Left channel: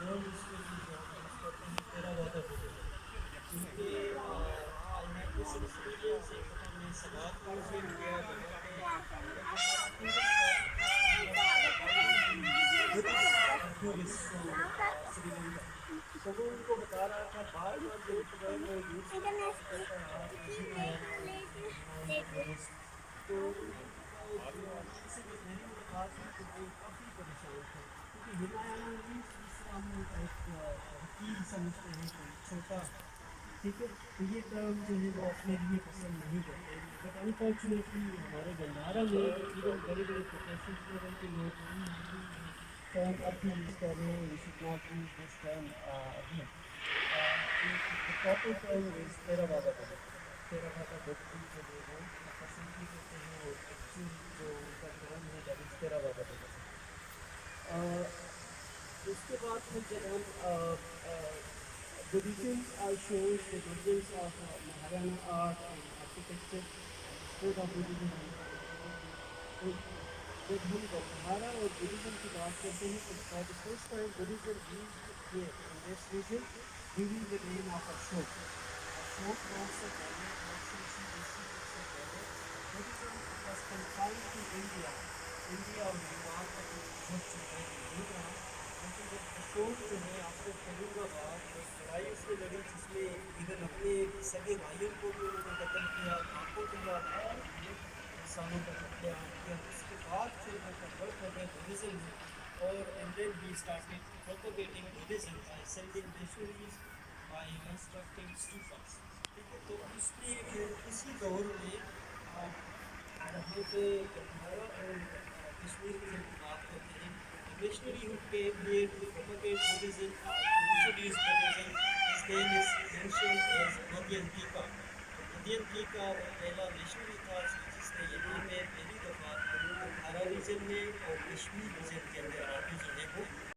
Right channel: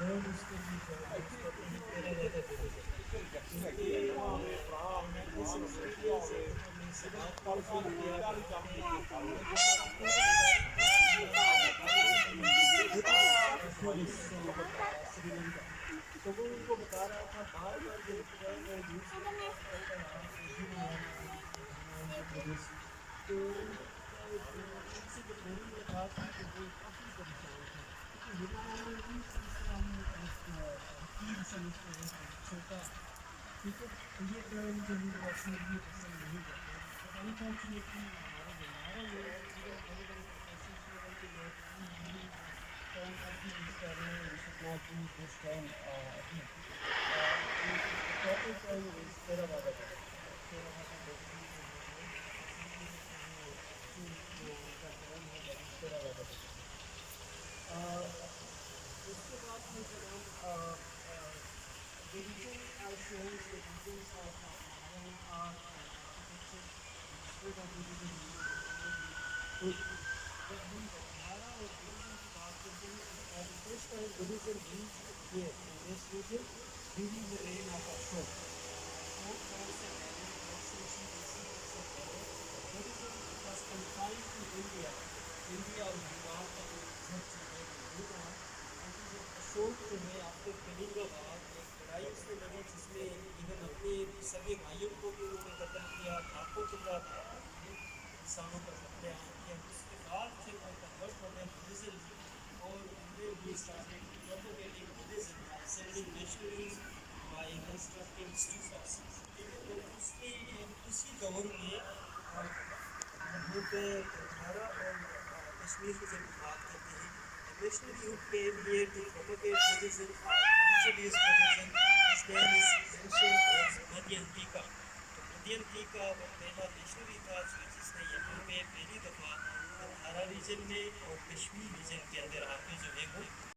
Word उसको use करते हैं तेरा वादा बुद्धिज़्म, क्योंकि आई हैव दिस एक्सपीरियंस। एक दफ़ा मैं सवात को विज़िट किया जहाँ पे एक हमारा हमारा गाइड थे बुद्धिस्ट टूरिस्ट फ्रॉम श्रीलंका। तो वो उनको बता रहा था बार बार जब वो न्यूज़ में बात करता रहा कि हिनायाना हिनायाना बुद्धिस्ट। तो उनसे जब मेरी मुलाकात हुई तो वो काफ़ी परेशान थे, क्योंकि हिनायाना मीन्स जिस तरह हम एक हकीर समझते हैं कोई छोटा, ठीक है। तो ये टर्म जो है वो अपने लिए पसंद नहीं करते, बट अनफॉर्चुनेटली हमारे भंडारा में इवन बड़े बड़े प्रोफेशन लेवल के लोग भी ये टर्म अब भी यूज़ कर रहे हैं। We should not use this term again. The proper term is Theravada Buddhism. Theravada Buddhism जो है वो सिंपली कहते हैं, और एक्चुअल जो उनका टर्म है दैट इज थेरावादा बुद्धिज्म। उसके बाद फिर जब हम buddhism shows the difference of Mahayana art and architecture and the spread of Buddhism in India. तो जब हम गंधारा और बुद्धिज्म की बात करते हैं तो for the first time Buddhism reached here in this region during the reign of Ashoka. Ashoka वंश से पहले 150 BC से पहले Buddhism was confined to India. India और नेपाल तक वो बहुत जगह मौजूद रहा। लेकिन जब अशोक जो है आफ्टर कलिंगा वार एक लड़ाई उसने लड़ी जिसमें इवन अपने सगे भाइयों को भी उन्होंने कत्ल किया, लाखों तादाद में इंसानों का कत्लेआम किया। उसके बाद फिर वो कन्वर्ट हो गए बुद्धिज़्म में, और and then he started propagating Buddhism by sending missionaries, by constructing stupas. तो उसके उसी दौर में यहाँ पे गंधारा और कश्मीर की जब हम बात करते हैं, the missionary who came here to propagate Buddhism or to introduce Buddhism, his name is mentioned as मदयंतिका। तो मदयंतिका वो पहला मिशनरी था जिसने यहाँ पे पहली दफ़ा गंधारा रीजन में और कश्मीर रीजन के अंदर आके जो है वो